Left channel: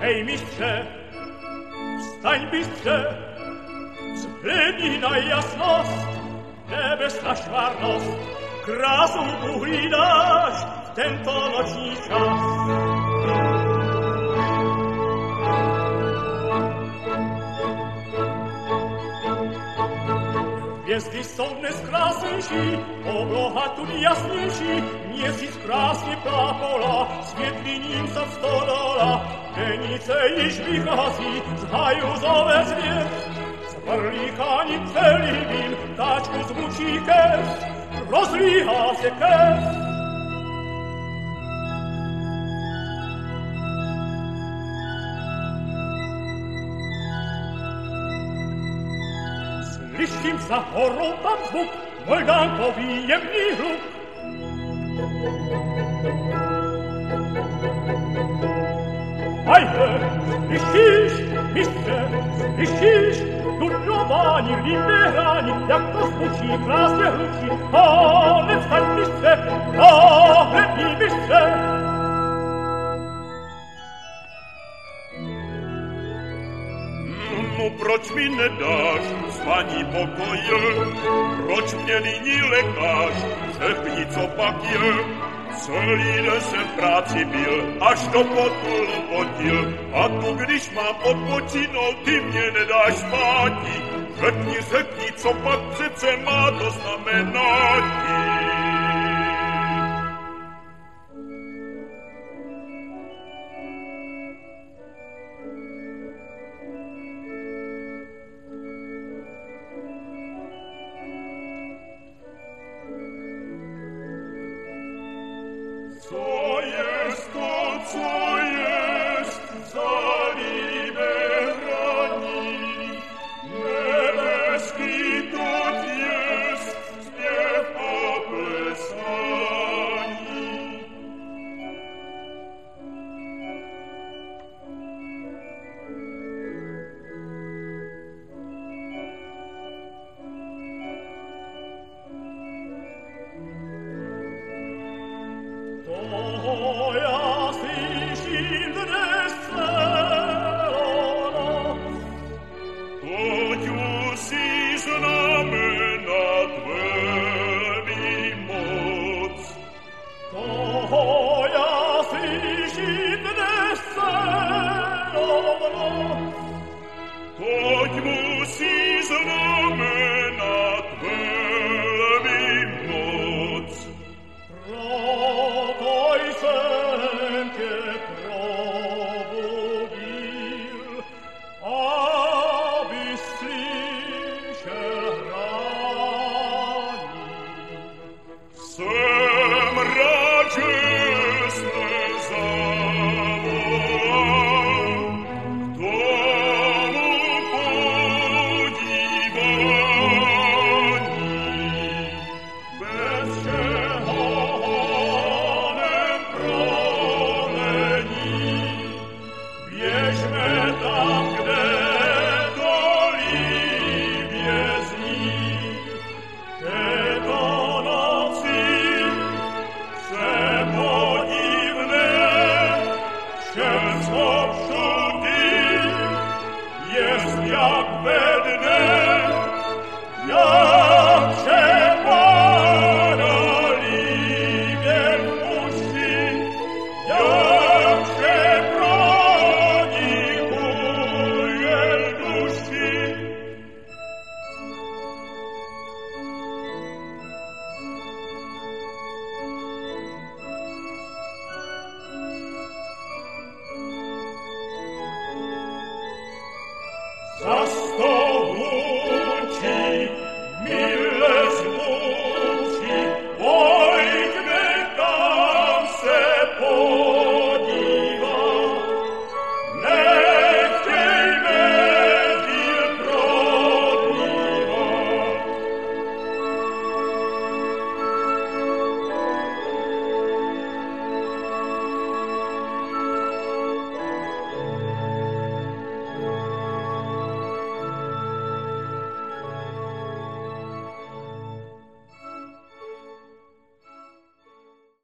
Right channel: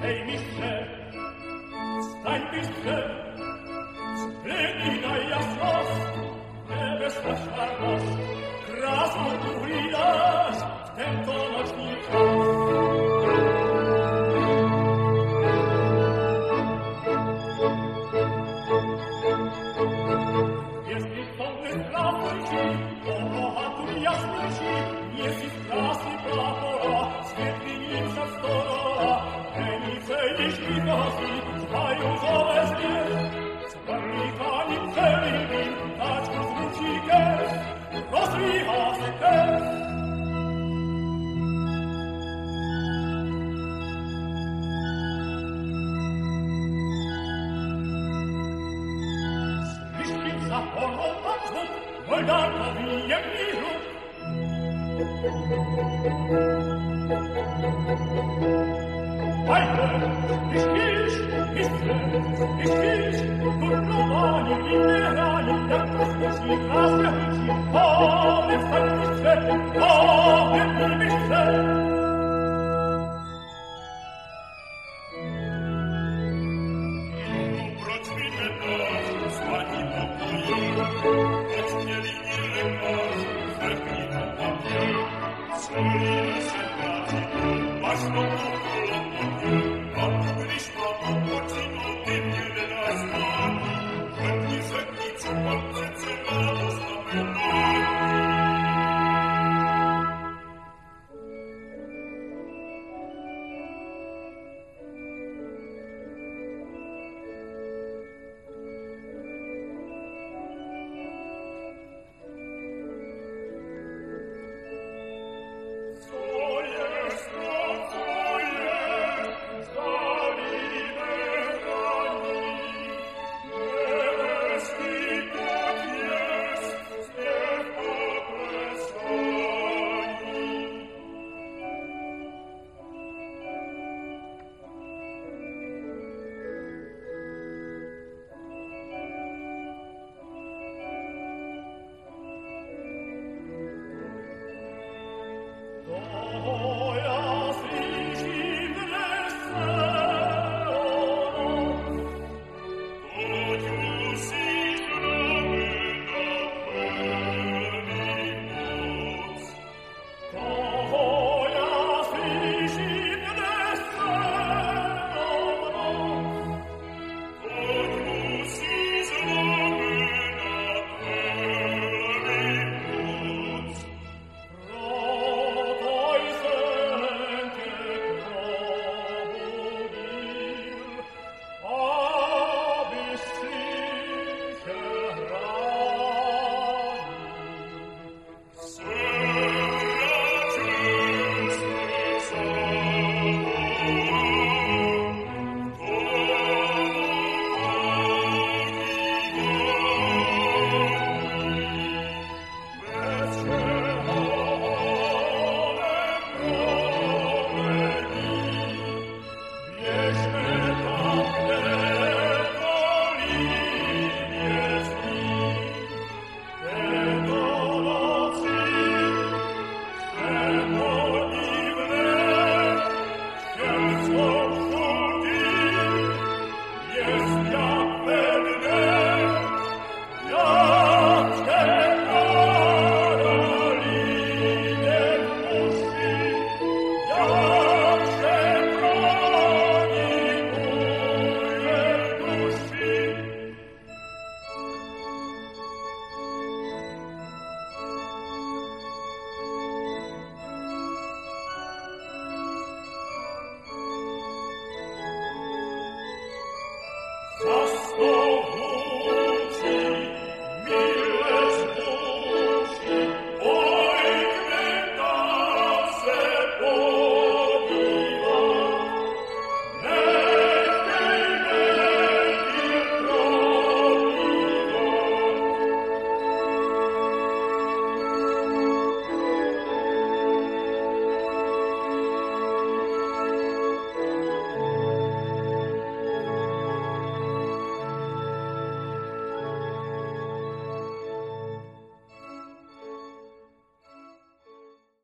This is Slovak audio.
Hej, mistrze, wstań bystrze, zblednij na jasność, niebesna szwarność, krasą uchylasz w ten to nocni czas. Gwiezdy sonne skrasnejsi, obohatun jasniejsi, niesi skrasnie plapola, świetlinicą stodola, penice i szpichazi, zhajuzowe zwiec, z barlikani celibin, taczku zmuci kes, rozlicha se kes. Slyším za horou tam zvuk, Moldánkový jemný hluk. Majte, slyšíš, mistře, slyšíš, dudlování, líbé hrání, jak to zvučí, krásně hlučí. Ale vstaň, mistře, ohlední, mistře. Proč mi nedáš spaní pokoje? Proč mě nyní lekáš? Řekni, co pak je. Celý den jsem práci byl, až do potu potil. A tu, když mám odpočinou, ty mě nedáš spátí. Řekni, co pak přece má to znamenání.